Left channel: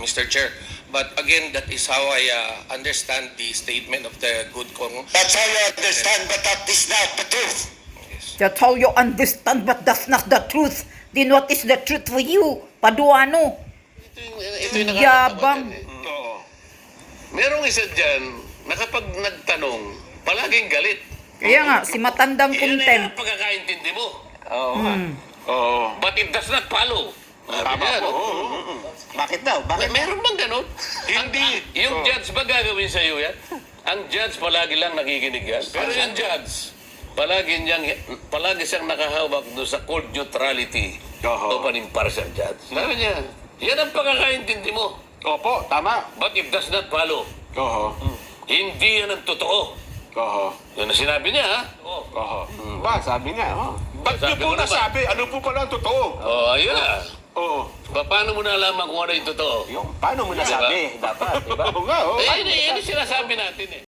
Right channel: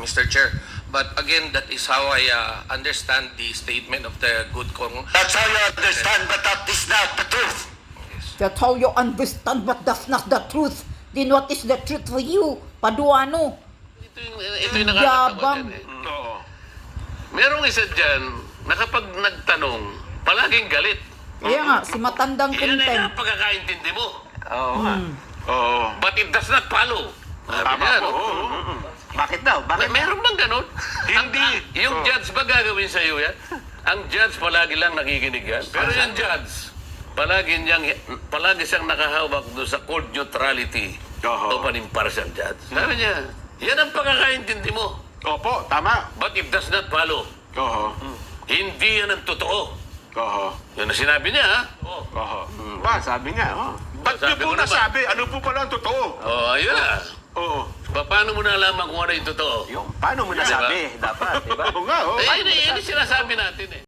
Mr. Chair. But again, that is how I understand the statement of the good Kong. That's how you understand, but that is not the truth. That's how you understand, but that's not the truth. Then what is the truth for you, Paduano? Ito yung Yabang. nakakatawa dyan, eh. Oo. Merong isa dyan na kapag nagtanong, palaging galit. Kaya nga, si matandang Iyan na content. yung pagkakaintindi mo. Oo. Oo. But it does not follow. Tama Yan, po. oo. Bakit daw? Bakit? Meron bang ganun? Hindi. Yung judge ba gagawin sa iyo yan? Ang judge palagi lang nakikinig yan. Pero yung judge, palagi siyang nakahawak doon sa court neutrality of an impartial judge. Sabi niya, yan ang pagkakaintindi mo. Opo, tama. But it does not follow. Oo. Hindi yan ang totoo. Oo. Yun ang sinabi niya, ha? Oo. Oo. Ba, sabi nga, oh. Ba't Sabi niyo po ko naman. nasabi? Ano po pala ang totoo? Oh, ayun na. Oo. Paano mo nalaman kung ano yung totoo? Yung, paano mo nasabi? Dapat, di ba? Oo nga, oo. Eh, yun yung sinasabi natin eh.